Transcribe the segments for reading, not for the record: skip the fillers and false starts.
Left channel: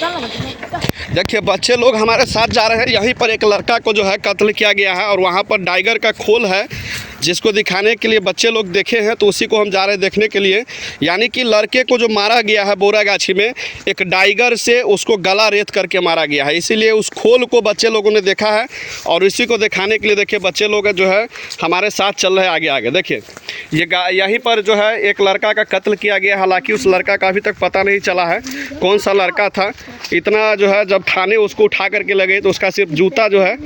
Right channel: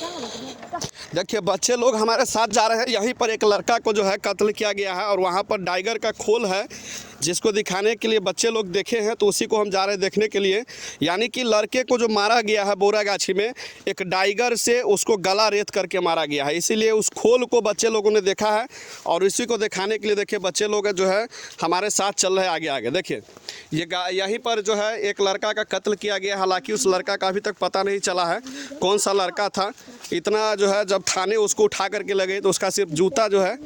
देखिए बच्चे लोग हमारे साथ जा रहे हैं। यहीं पर एक लड़का को जो है कत्ल किया गया है और वहाँ पर टाइगर का खोल है जिसको दिखाने के लिए बच्चे लोग देखे हैं, तो उसी को हम जा रहे हैं देखने के लिए। यानी कि लड़के को जो मारा गया है बोरागाछी में, एक टाइगर से उसको गला रेत करके मारा गया है। इसीलिए उस खोल को बच्चे लोगों ने देखा है और इसी को दिखाने के लिए देखिए बच्चे लोग जो है हमारे साथ चल रहे हैं आगे आगे। देखिए ये यहीं पर जो है एक लड़का का कत्ल किया गया। हालांकि उस लड़का का अभी तक पता नहीं चला है कौन सा लड़का था। इतना जो है जब थाने उसको उठा करके लगे तो उसका सिर्फ जूता जो है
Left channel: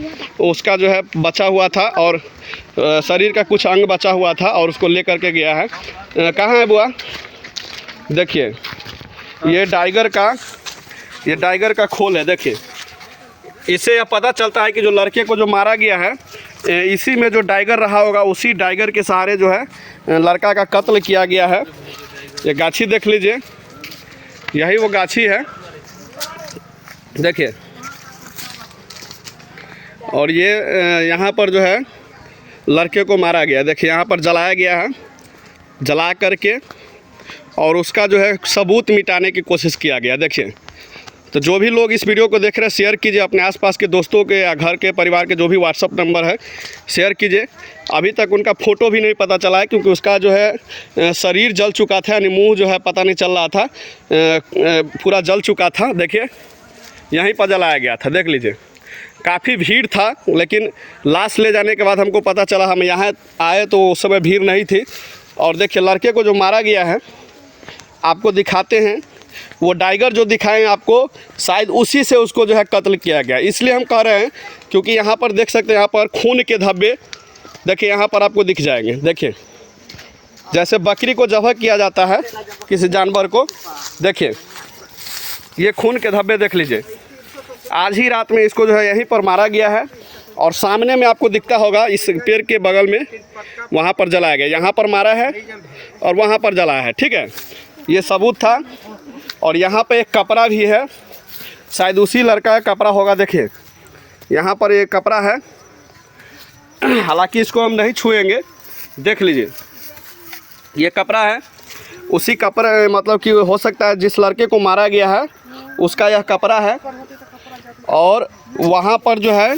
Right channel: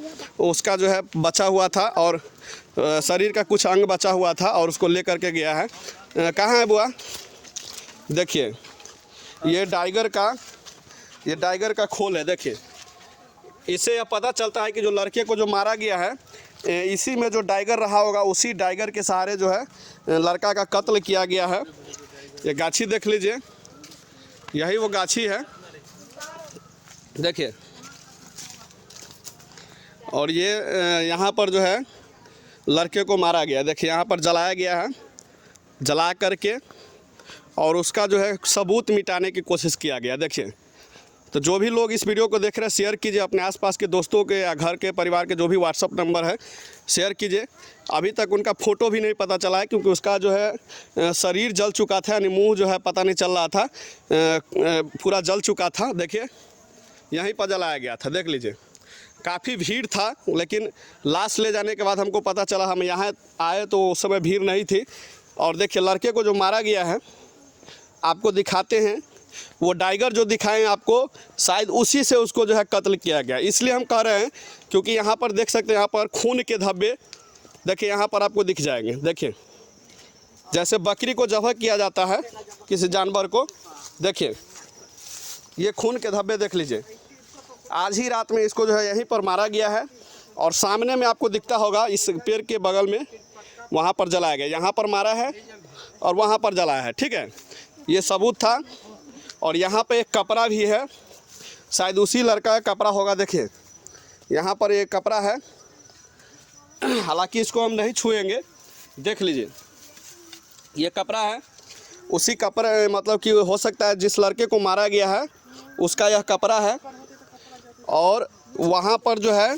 उसका जो है बचा हुआ था और शरीर का कुछ अंग बचा हुआ था और उसको ले करके गया है। कहाँ है बुआ? देखिए ये टाइगर का खोल है। देखिए इससे यह पता चलता है कि जो लड़के को जो मारा गया है इसी में जो टाइगर रहा होगा, उसी टाइगर के सहारे जो है लड़का का कत्ल किया गया है। ये गाछी देख लीजिए, यही वो गाछी है देखिए। और ये यहाँ पर जो है लड़के को मारा गया। देखिए यहाँ पर जलाया गया है, जला करके और उसका जो है सबूत मिटाने की कोशिश किया गया। देखिए तो जो भी लोग इस वीडियो को देख रहे हैं शेयर कीजिए अपने आसपास के दोस्तों के या घर के परिवार के जो भी व्हाट्सअप नंबर है शेयर कीजिए। अभी तक उनका फ़ोटो भी नहीं पता चला है क्योंकि उसका जो है शरीर जल चुका था, यानी मुंह जो है पता नहीं चल रहा था, पूरा जल चुका था। देखिए यहीं पर जलाया गया था, देख लीजिए। काफ़ी भीड़ था, लेकिन लाश ले जाने के बाद हमको पता चला, हम यहाँ आए तो उस समय भीड़ नहीं थी। और देखिए लड़के को जो मारा गया है आपको दिखाते हैं, वो टाइगर जो दिखाएं आपको शायद उसी से उसको जो है कत्ल किया गया। इसलिए हम कह रहे हैं क्योंकि यहाँ पर देख सकते हैं, यहाँ पर खून के धब्बे देखिए यहाँ पर आपको दिख जाएंगे। देखिए जैसे बकरी को ज़बह किया जाता है किसी जानवर को, देखिए ये खून के धब्बे देख लीजिए। आज ही रात में इसको जो है यहीं पर मारा गया है और सामने में आपको दिखता होगा इस पेड़ के बगल में वहाँ पर जलाया गया। यहाँ पर मारा है और वहाँ पर जलाया है, ठीक है। ये सबूत था। और यहाँ पे एक कपड़ा भी है, शायद उसी लड़का का कपड़ा होगा। देखिए यहाँ पर एक कपड़ा है, हालांकि इसको हम नहीं छुएंगे, देख लीजिए ये कपड़ा है। उसी कपड़े मतलब कि हो सकता है जिस लड़के को मारा गया है उसका यह कपड़ा है। और वहाँ पर जो है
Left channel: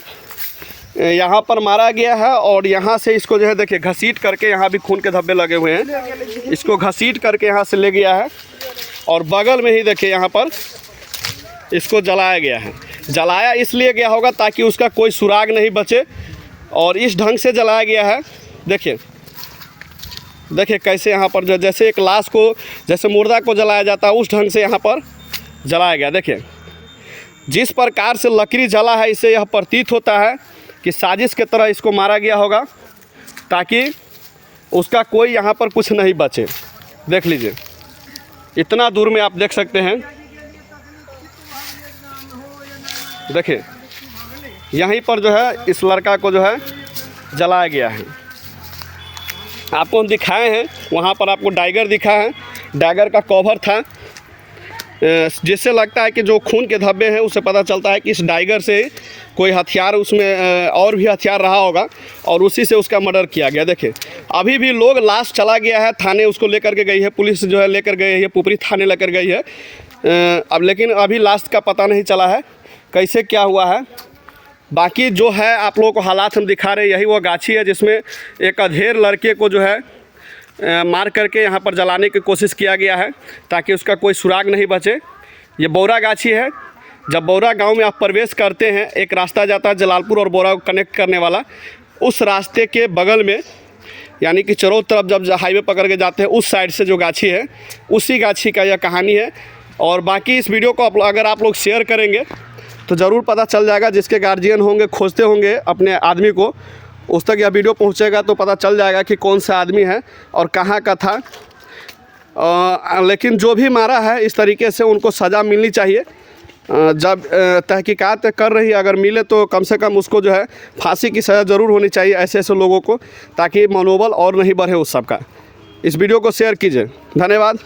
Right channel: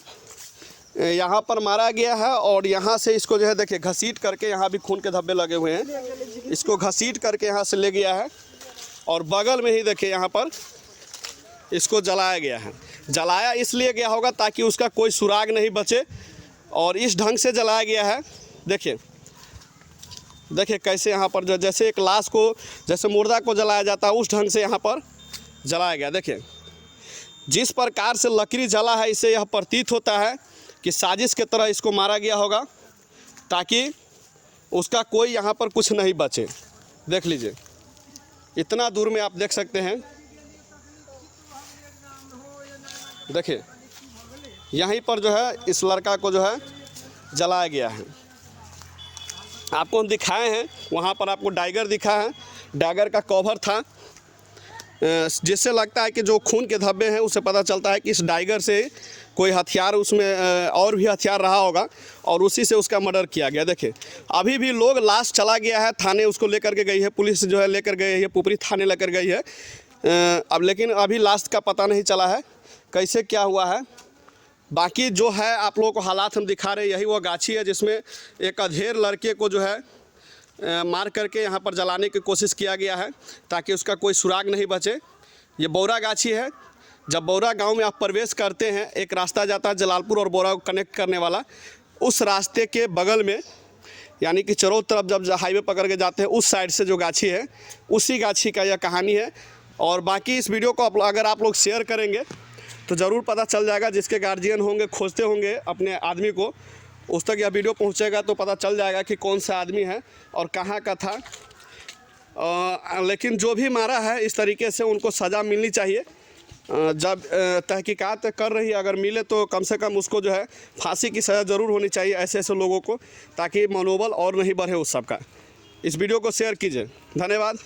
यहाँ पर मारा गया है और यहाँ से इसको जो है देखिए घसीट करके, यहाँ भी खून के धब्बे लगे हुए हैं, इसको घसीट करके यहाँ से ले गया है और बगल में ही देखिए यहाँ पर इसको जलाया गया है। जलाया इसलिए गया होगा ताकि उसका कोई सुराग नहीं बचे और इस ढंग से जलाया गया है। देखिए देखिए कैसे यहाँ पर जो जैसे एक लाश को, जैसे मुर्दा को जलाया जाता है उस ढंग से यहाँ पर जलाया गया। देखिए जिस प्रकार से लकड़ी जला है इससे यह प्रतीत होता है कि साजिश की तरह इसको मारा गया होगा ताकि उसका कोई यहाँ पर कुछ नहीं बचे। देख लीजिए इतना दूर में आप देख सकते हैं। देखिए यहीं पर जो है इस लड़का को जो है जलाया गया है। आपको हम दिखाए हैं, वहाँ पर आपको टाइगर दिखा है, टाइगर का कवर था, जिससे लगता है कि जो खून के धब्बे हैं उससे पता चलता है कि इस टाइगर से कोई हथियार उसमें और भी हथियार रहा होगा और उसी से उसका मर्डर किया गया। देखिए अभी भी लोग, लाश चला गया है थाने, उसको लेकर के गई है पुलिस, जो है लेकर गई है, पुपरी थाने लेकर गई है अब, लेकिन अभी लाश का पता नहीं चला है कैसे क्या हुआ है। बाकी जो है आप लोगों को हालात हम दिखा रहे हैं, यही वो गाछी है जिसमें एक अधेड़ लड़के को जो है मार करके यहाँ पर जलाने की कोशिश किया गया है ताकि उसका कोई सुराग नहीं बचे। ये बौरा गाछी है। जब बौरा गांव में आप प्रवेश करते हैं, एक रास्ता जाता है जलालपुर और बौरा को कनेक्ट करने वाला, उस रास्ते के बगल में यानी कि चारों तरफ जब हाईवे पकड़ के जाते हैं उस साइड से जो गाछी है, उसी गाछी का यह कहानी है। और बाकी इस वीडियो को अगर आप लोग शेयर करेंगे तो ज़रूर पता चल जाएगा, जिसके गार्जियन होंगे खोजते होंगे अपने आदमी को, उस तक यह वीडियो पहुंचेगा तो पता चल जाएगा कि कौन सा आदमी है और कहाँ का था। लेकिन जो भी मारा है इस तरीके से उनको सज़ा मिलनी चाहिए। जब तहकीकात कर रही अगर मिले तो कम से कम उसको जो है फांसी की सज़ा ज़रूर होनी चाहिए ऐसे ऐसे लोगों को, ताकि मनोबल और नहीं बढ़े उस सब का। इस वीडियो को शेयर कीजिए। धन्यवाद।